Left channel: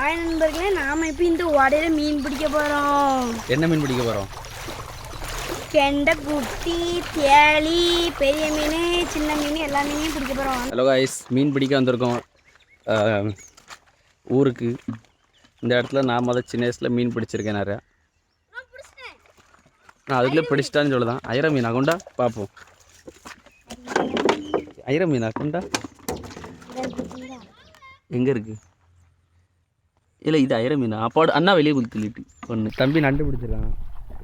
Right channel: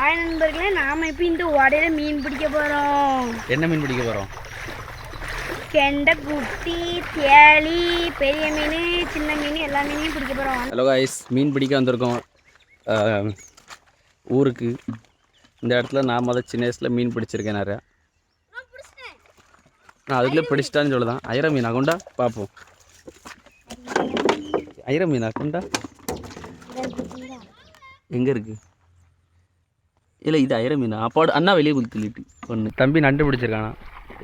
Hi நண்பர்களே, நாம இப்போ இந்த ஓடையில மீன் பிடிக்க போறோம். என்ன மீன் பிடிக்க போறோம்? கெண்டை, குட்டி, தேளி, பெரிய மீன், சின்ன மீன் எல்லா மீனையும் பிடிக்க போறோம். ஹலோ காய்ஸ், மீன் பிடிக்க வந்திருக்கோம் ஊருக்கு. இந்த இடத்துல நான் சின்ன வயசில் மீன் பிடிச்சிருக்கேன் நிறையா. நான் அதுக்குள்ளே பிடிச்சிட்டான்னு சொல்லுதான். ஐர மீனா கொண்டா பார்ப்போம். ஐர மீனா கொண்டா எங்கே இருக்கு? இல்லை, இது ஐர மீனா. அப்பாடு அண்ணா வெளியே குளித்துலிட்டு ஒன்று தம்பி நண்டு பிடிச்சிருக்கானா?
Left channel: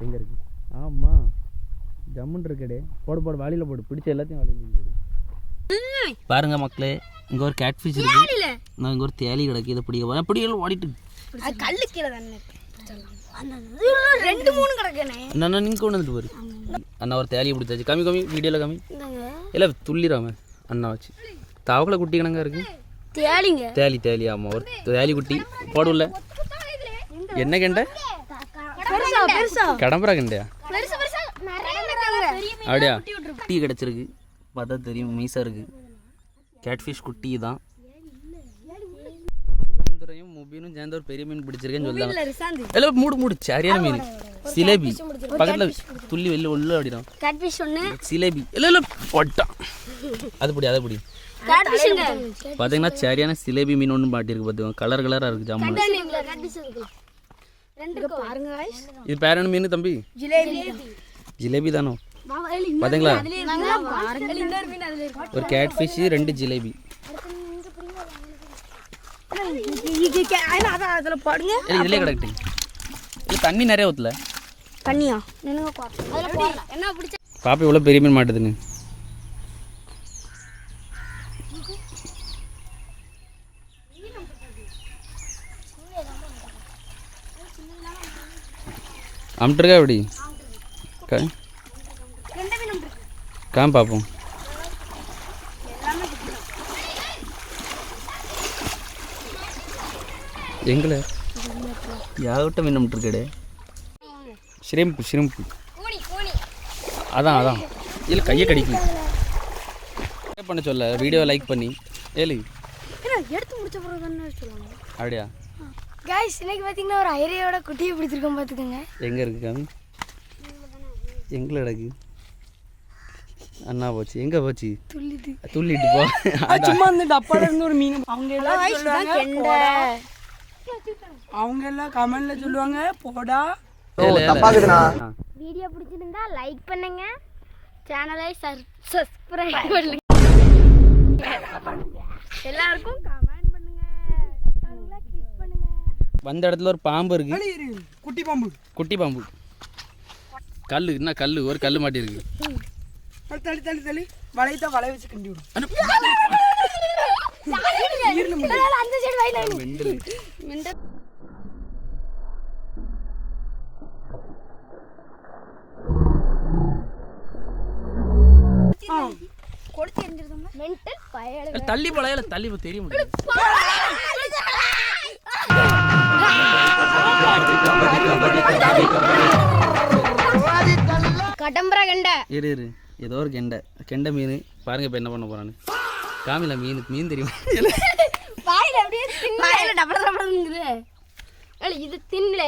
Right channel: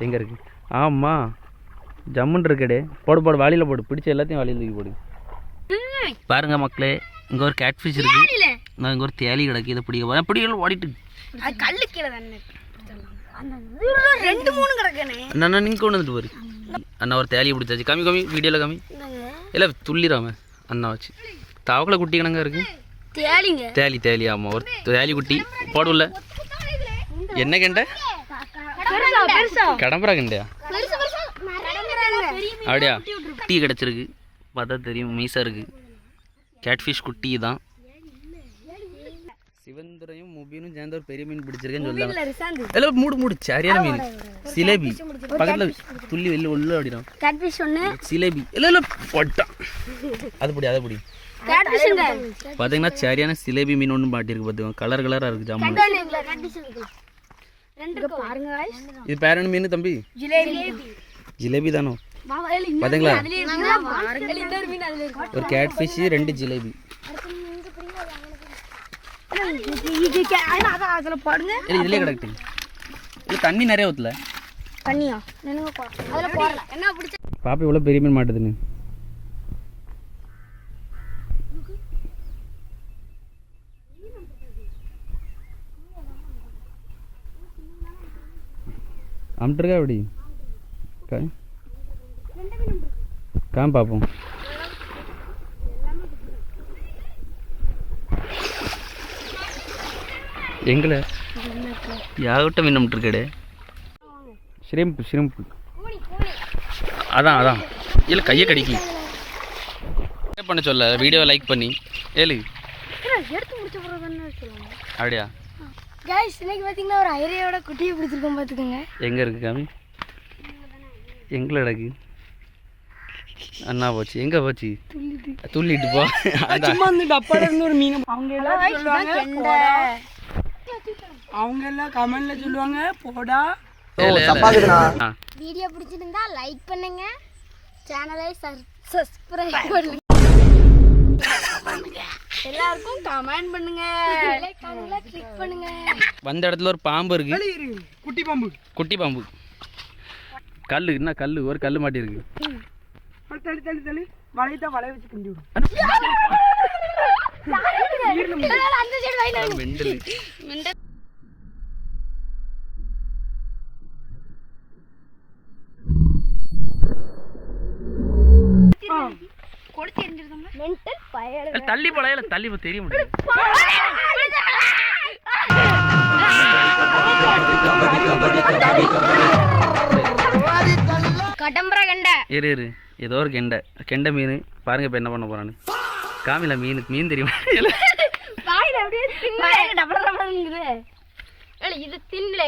எங்கே இருக்குது? ஆமாம், ஜம்முன்னு இருக்கடே. போடு போடு, வாளியில் போடு. பிடிச்ச எல்லாத்தையும் வாளியில் தூக்கி போடு. பாருங்க மக்களே, இங்கே ஒரு கேட் ஃபிஷ் இருக்குது. நான் இங்கே ஒரு தேலி கிடக்கு. இதை பிடிக்க போகிறேன். பிடிக்கலாம் ஓடிட்டு கல்லு கீழே தானே ரெண்டு மூணு கிடக்குனே. அண்ணா நீங்கள் கொண்டு வந்துட்டு போரு. அண்ணா ஒரு தேலியை பிடிச்சாச்சு. கம்மி கம்மி, வீடியோவில் கம்மி. இல்லை துள்ளிடாம அண்ணா வச்சு. தவக்கலை குட்டி கணங்க இருக்கு. தேலி தேலி. ஆமாம், ஒரு தேலி குட்டி போடுல. என்ன கெண்டை? கடம்பரா கெண்டையா? அப்படியா? குட்டி கிடச்சிருக்கு. பார்த்தா தெரியும், மீசா இருக்கு. கேட்ஃபிஷ் குட்டி தான். சிவந்துரையும் முபினும் சேர்ந்த ஒரு பெரிய மீன் பிடிச்சிருக்கேன்னு சொல்லாங்க. எல்லாம் மூடு மூடு. சரியான மீன் சிலேபி. பக்கத்தில் துள்ளி வெளில உள்ள அப்படிடும். சிலேபி இல்லை இல்லை போட்டான். அது பிடி, அதை பிடி. பார்த்தீங்கன்னா சரியான சிலேபி மீன் ஒன்று மாட்டிருக்கு. பார்த்துக்கோங்க, கலர் கலராக இருக்குது. ஜாமான் இது பேர் என்ன மீன் தம்பி? ஜிலேபி தானோ? பார்த்தீங்களா, ஒரு கேட் ஃபிஷ், 2 ஜிலேபி. இதுலேயே கிடக்கு. இது தண்ணி நிறைய ஊற்றல. பாப்பா இவ்வளோ பெரிய மீன் மாட்டுதுன்னு. அம்ட்டுருக்கா எப்படி? காம் பார்ப்போம். எங்களை யாவட்ட மீன் அம்ட்டுருக்கடே. Shrimp shrimp. அதான் அதான். இல்லை கையை கடிக்கி பண்ண சொல்ல. வீடியோவை லைக் பண்ணி ஏழு அப்படியா? गाइस, இன்னைக்கு பாத்தீங்கன்னா ஒரு ஐரையோட குட்டியை பிடிச்சிருக்கோம். பாத்துக்கோங்க. எங்க இருக்கு காமி? எங்கல கிடக்கு? அண்ணா போச்சு. எங்க போச்சு? துள்ளிட்டு போ. சும்மா அந்த டப்பால இருந்து ஒரு மீன். அவங்க எல்லாம் சொல்லுவாங்க அவங்க எல்லாம் கமெண்ட்ல சொல்லுவாங்க போடா. வீடியோ பிடிச்சிருந்தா லைக் பண்ணுங்க, சேனலை சப்ஸ்கிரைப் பண்ணுங்க, எல்லாருக்கும் கமெண்ட் பண்ணுங்க, ஐகானை கிளிக் பண்ணுங்க. வந்த இடத்துல ஒரு பாம்பு இருக்கு. குட்டி பாம்பு. குட்டி பாம்பு. கல்லு என்ன கல்லு? ஒரு கல்லு மாட்டி இருக்கு. தள்ளி தள்ளி தள்ளி வளையத்தை வளைய வச்சு கண்டி விடும். தள்ளி போல தள்ளி தெரிய முடியாது. கடம்பரா கெண்டை. இரு இரு, ஏதோ ஒரு கெண்டை. கெண்டை மீன் பாருங்க. இப்போ என்ன பண்ண போறான்னு காமில. மீன் தெரியுமா? இது தின்னல,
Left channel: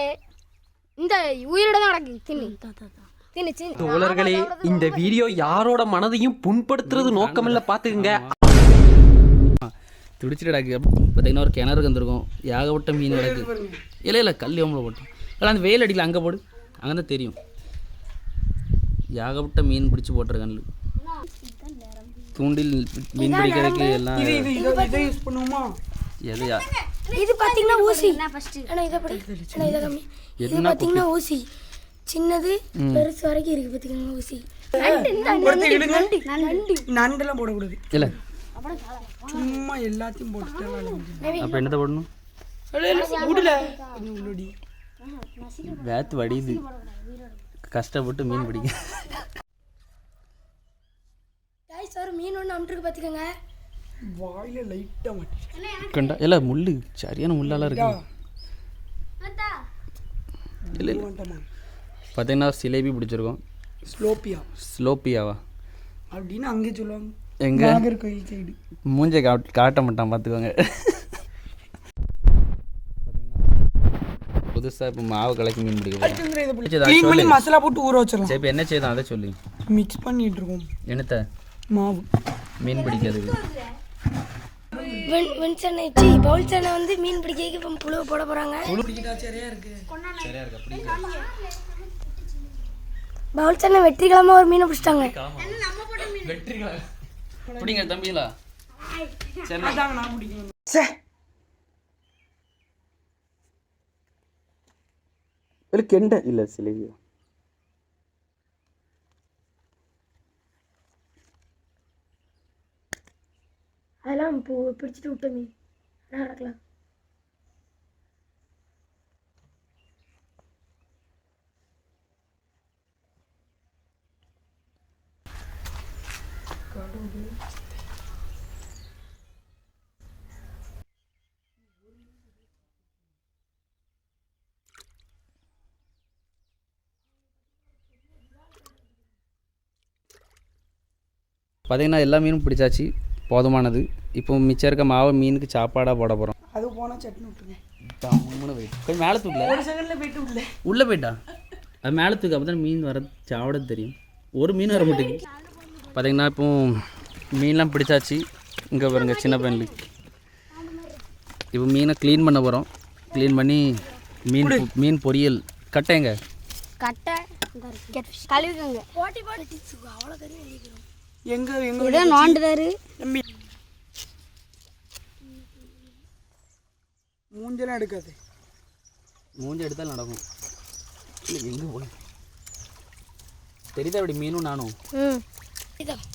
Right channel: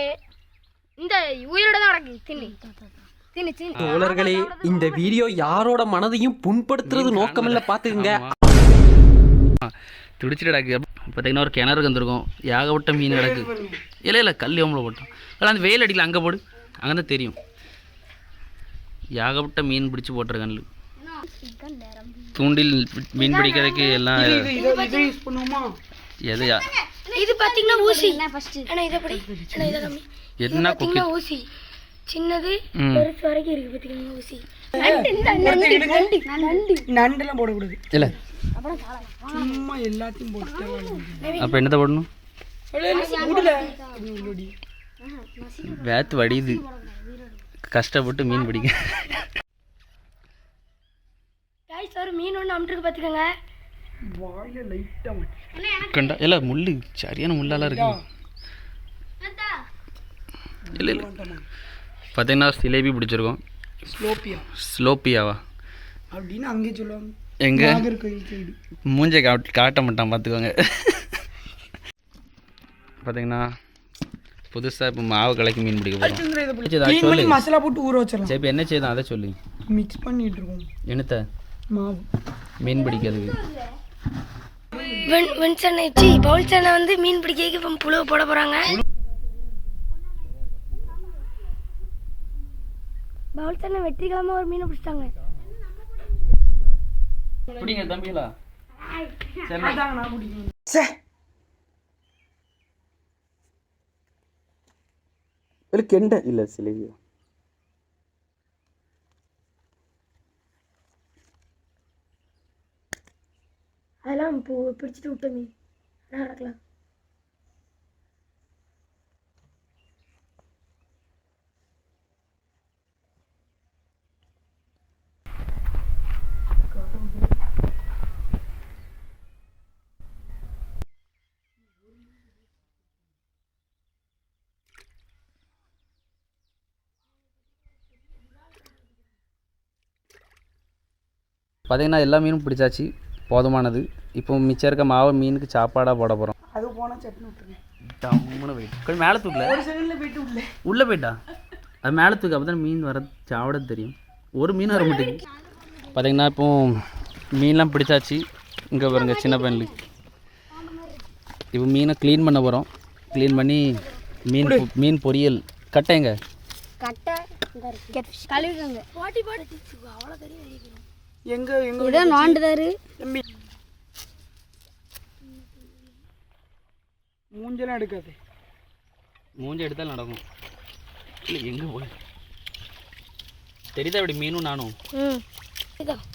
இந்த உயிரோட தான் கிடக்கு. தின்னு தோழர்களே, இந்த வீடியோ யாரோட மனதையும் புண்படுத்துறது நோக்கமில்ல, பாத்துக்குங்க. துடிச்சிட்டு கிடக்கு. பார்த்தீங்கன்னா ஒரு கிணறு வந்துருக்கும். ஏகப்பட்ட மீன் கிடக்கு. இல்லை இல்லை கல் எவ்வளோ போட்டோம். இல்லை அந்த வெயில் அடிக்கல, அங்கே போடு, அங்கே தான் தெரியும். ஏகப்பட்ட மீன் பிடிச்சி போட்டிருக்கேன். தூண்டில் மீன் பிடிக்கிறதுக்கு எல்லாம் எதையா? இது பார்த்தீங்கன்னா ஊசி. என்ன குட்டி ஊசி? சின்னது பெருசு வரைக்கும் இருக்கு. பார்த்தீங்கன்னா ஊசி. நண்டெல்லாம் போடக்கூடாது. இல்லை சும்மா எல்லாத்தையும் போட்டு. அப்போ என்னத்தை போடணும்? வேத்து வடியுது. கஷ்டப்பட்டு மீன் பிடிக்க. ஒரு மீன் ஒன்று அம்ட்டுருக்கு. பார்த்துக்கோங்க. கண்டா இல்லை முள்ளு, சரியான முள்ளாலாம் இருக்கு. இல்லை இல்லை பார்த்தீங்கன்னா சிலேபி பிடிச்சிருக்கோம். ஸ்லோப்பியாவா அப்படின்னு அங்கே சொல்லுவாங்க. எங்க மூஞ்சை காட்ட மாட்டான் பார்த்துக்கோங்க. பார்த்தீங்கன்னா புதுசாக இப்போ மாவு கலக்கி மீன் பிடிக்க போகிறோம். இதை சொல்லு சொல்லி மசாலா போட்டு ஊற வச்சிடலாம். சரி இப்போ என்ன செய்யுதான் அதை சொல்லு. மிக்ஸ் பண்ணிட்டு இருக்கோம் என்னத்த மாவு மீன் பிடிக்கிறது. பவுல் சேனை வந்து மீன் பிடிக்க இப்போ புழு போட போகிறாங்க. பவுல் சேனை வெற்றிகரமாக ஒரு மீனை பிடிச்சிட்டாங்க. பிடிங்க தம்பிங்களா. இல்லை கெண்டை இல்லை சிலை. அதெல்லாம் இப்போ பிடிச்சிட்டு விட்ட மீன் நடக்கலாம். பார்த்தீங்கன்னா எல்லா மீனும் பிடிச்சாச்சு, போதுமானது. இப்போ மிச்சம் இருக்க மாவு மீனுக்கு சாப்பாடாக போட போகிறோம். அது போனால் சட்னி விட்டுருங்க. டம்முன்னு போயிட்டு கொஞ்சம் மேலே தூக்கல, உள்ளே போயிட்டா அது மேலே தூக்கு. அப்போ தான் மீன் வர சாப்பிட தெரியும். ஒரு மீன் வர மாட்டேங்குது. பார்த்தீங்கன்னா இப்போ மீன்லாம் பிடிச்சாச்சு. இங்கே பாருங்க சின்ன பையனுக்கு. இப்போ மீனை க்ளீன் பண்ண போகிறோம். க்ளீன் பண்ணி மீன் பொரியல். கட்டைங்க கட்டை கழுவுங்க. போட்டி போட்டு அவ்வளோ தெரியும். எங்க ஏதோ நோண்டுதாரு. மூஞ்செல்லாம் எடுக்காது. மூஞ்சி எடுத்தாலும் நடக்கும். இல்லை எங்கே போய் தெரியுதா இப்படி மீனும் நானும்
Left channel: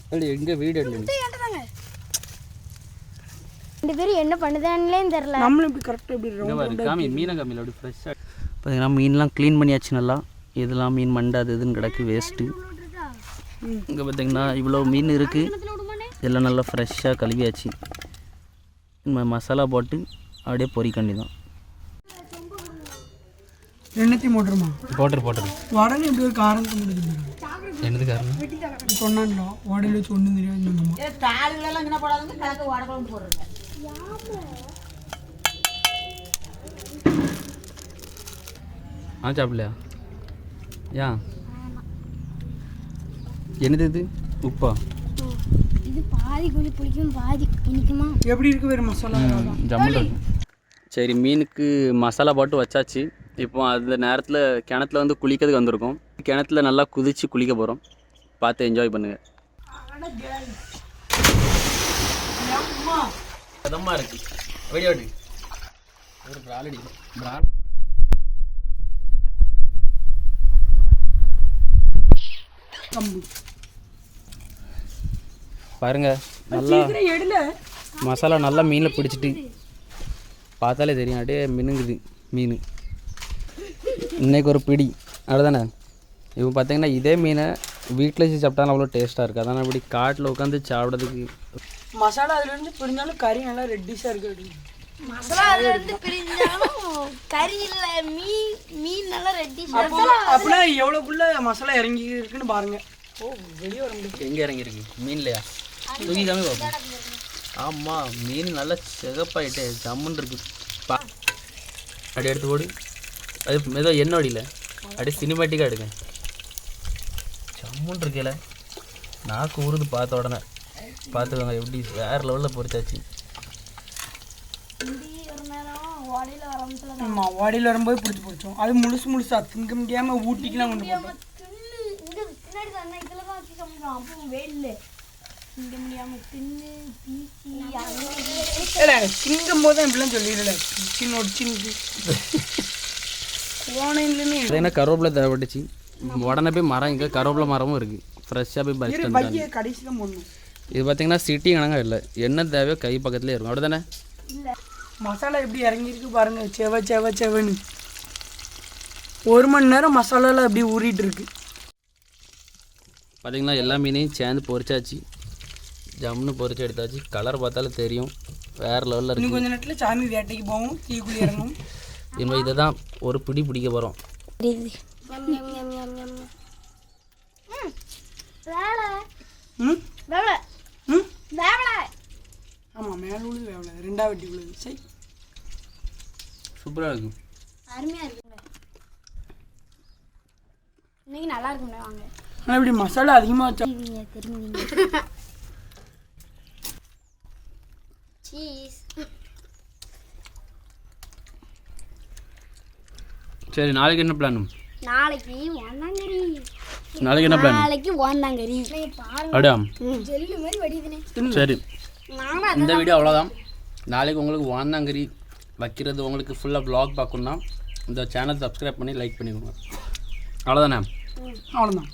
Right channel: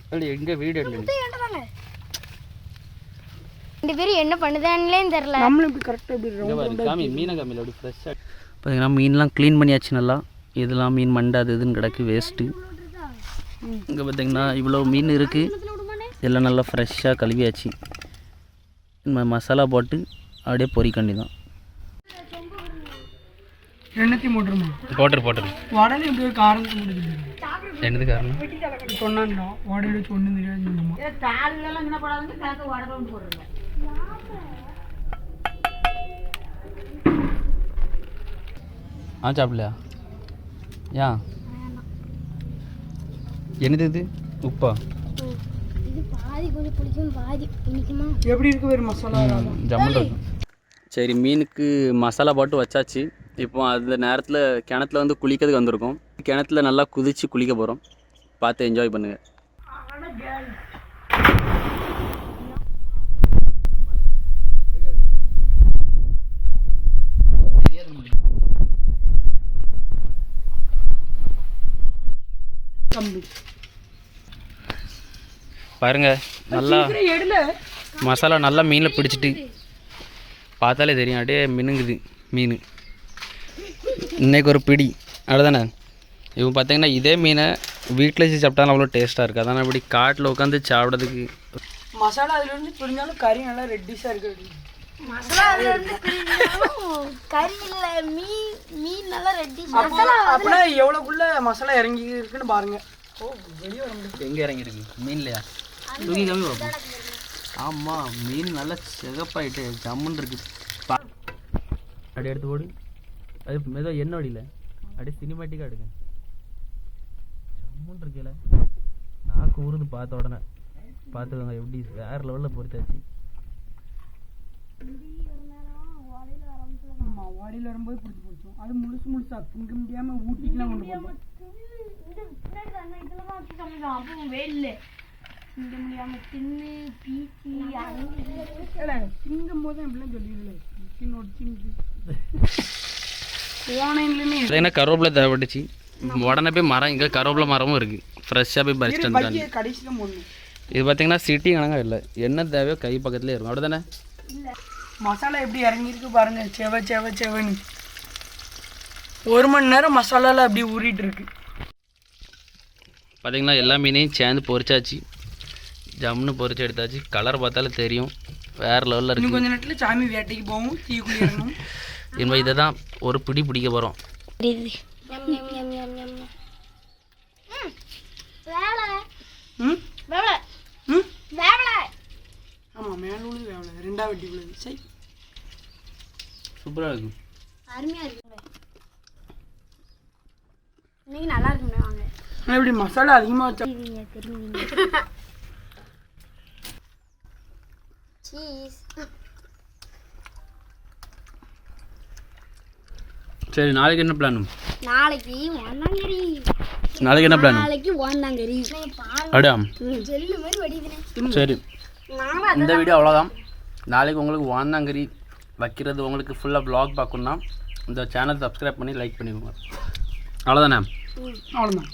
அப்படி எங்கே வீடு எடுத்து 2 பேரும் என்ன பண்ணுதானே தெரியல. நம்மளும் இப்படி கரெக்டாக இப்படி காமி மீனை காமியில் அப்படி ஃப்ரெஷ்ஷாக. பார்த்தீங்கன்னா மீன்லாம் க்ளீன் பண்ணியாச்சு நல்லா. இதெல்லாம் மீன் மண்டாது இதுன்னு கிடக்கு வேஸ்ட்டு. இங்கே பார்த்தீங்கன்னா இவ்வளோ மீன் இருக்குது. இதெல்லாம் நல்லா ஃப்ரெஷ்ஷாக கழுவியாச்சு. மசாலா போட்டு அப்படியே பொரிக்கண்டி தான். எண்ணத்தையும் போட்டுருமா? போட்டுரு உடனே இப்படி ஒரு காரணத்தை முடிஞ்சு. என்னது காரணம் சொன்னாங்களா? உடல் வச்சு ஒன்றும் தெரியாது. சாப்பிடலையா? ஏன் என்னது இது? உப்பா? இது பாதி கொஞ்சம் பிடிக்கும், பாதி இனிக்குமா. எப்படி இருக்கு வேறு மசாலா ஜம்முன்னு இருக்கும். சரி மீனுக்கு மசாலா போட்டு வச்சாச்சு. இப்போ அந்த நேரத்தில் கிணத்துல வந்து குளிக்கிறதுக்கு வந்திருக்கோம். கிணத்துல நல்லா குதித்து குளிக்க போகிறோம். பார்த்து என்ஜாய் பண்ணுங்கள். இதமாக இருக்குது வீடியோ பாருங்க. நல்லா மசாலா நல்லா மீனில் பிடிச்சிட்டு பார்த்தாலே தெரியும். அப்படியே மினுங்குது மீன். இன்றைக்கி ஒரு பிடி அவ்வளோதானே. இப்போ பார்த்தீங்கன்னா இதே மீனை வீட்டில் வச்சு சாப்பிட்டாலும் அவ்வளோ டேஸ்ட்டாக இருக்குது. அதான் இப்படி காட்டில் உட்காந்து சாப்பிட்றதுக்கு. மசாலா அதுலேருந்து பிரிஞ்சாலும் கறி நல்லா ரெட்டிஷாக இருக்குது. மசாலா அதுலேருந்து பிரிஞ்சாலும் கறி இல்லை, மீன் நல்லா ரெட்டிஷ். அப்படின்னா எவ்வளோக்குள்ள மசாலா இறங்கி இருக்குன்னு பாருங்க. ஓ வெளியே வர முடியும். எங்கே இறங்கியிருக்கு மீன்லையா? தூக்கி காமி பார்ப்போம். ஆமாம் மீன் நல்லா சிகப்பாயிட்டு ஜம்முன்னு இருக்குது. அப்படி எடுத்து போடு. அது ஏதோ எண்ணெய் வடியில் அப்படியே சினிமேட்டிக்காக எடுங்க. ஜம்முன்னு இருக்கல. நாக்கு ஊறுது பார்த்த உடனே. பார்த்துக்கோங்க எப்படி வேறு லெவலில் பொரிச்சாச்சு. ஆமாம் வாடியில் வரும்போது பிடிச்சோம். அது முழுசா திங்க முடியாமல் ஊட்டிக்கெலாம் கொண்டு போட்டோம். திங்கும் போது தான் இப்படிலாம் சொல்லிடல. என்ன கருவேப்பிலை தேவைப்பட்டுச்சு. உடனே போய் மரம், இங்கே கருவேப்பிலை மரமும் இருக்குது. ஃப்ரெஷ்ஷாக போய் பறிச்சுட்டு வந்துட்டாங்க. கடைசியில் போடணும். இது பார்த்தீங்கன்னா சிட்டி கணக்காக இல்லை. என்ன தேவையோ கை பக்கத்துலேயே இருக்கும். அப்படி தானே? மசாலா எப்படி இறங்கியிருக்கு பாருங்க. செவன்னு 1 மணி நேரம் மசாலாவில் அப்படி ஊறிட்டு இருக்கு. பார்த்தீங்கன்னா எல்லா மீனையும் சேர்ந்து பொரிச்சாச்சு. ஜம்னு பொரிச்சு எடுத்தாச்சு. கலர் பார்த்தாலே தெரியும் வேறு லெவலில் இருக்குது. கொஞ்சம் நேரத்தில் சாமி வேட்டைக்கு போகும், தீக்குள்ளி இறங்கும். இனிமேல் இதை தான் ஒரு பிடி பிடிக்க போகிறோம். ஆமாம் மேலே வேவலை 2ஆவது வெட்டிக்குள்ளது. சரி சூப்பராக இருக்கும். அருமையாக இருக்குங்க. இன்னைக்கு நல்லா இருக்குங்க. வாங்க ஆனால் இப்படி மசாலா அதிகமாக வச்சா திரும்பி சீஸ். சரி, நாளைக்கு என்ன பிளான்? நாளைக்கு ஓந்தாங்கறி. நாளைக்கு என்ன பிளான்? நாளைக்கு ஓந்தாங்கறி. அப்படியா? ஜெல்லு மாதிரி வடிதுனே. சரி, இந்த வீடியோ அவ்வளோதான். நாளைக்கு உங்களுக்கு வாந்தாங்கறி வைக்கிறது உங்களுக்கு ஃபுல்லாக வ்ளாக் பார்க்கணுன்னா இந்த சேனல் சப்ஸ்கிரைப் பண்ணி லைக் பண்ணிக்கோங்க. அவ்வளோதானே? அவ்வளோதான்.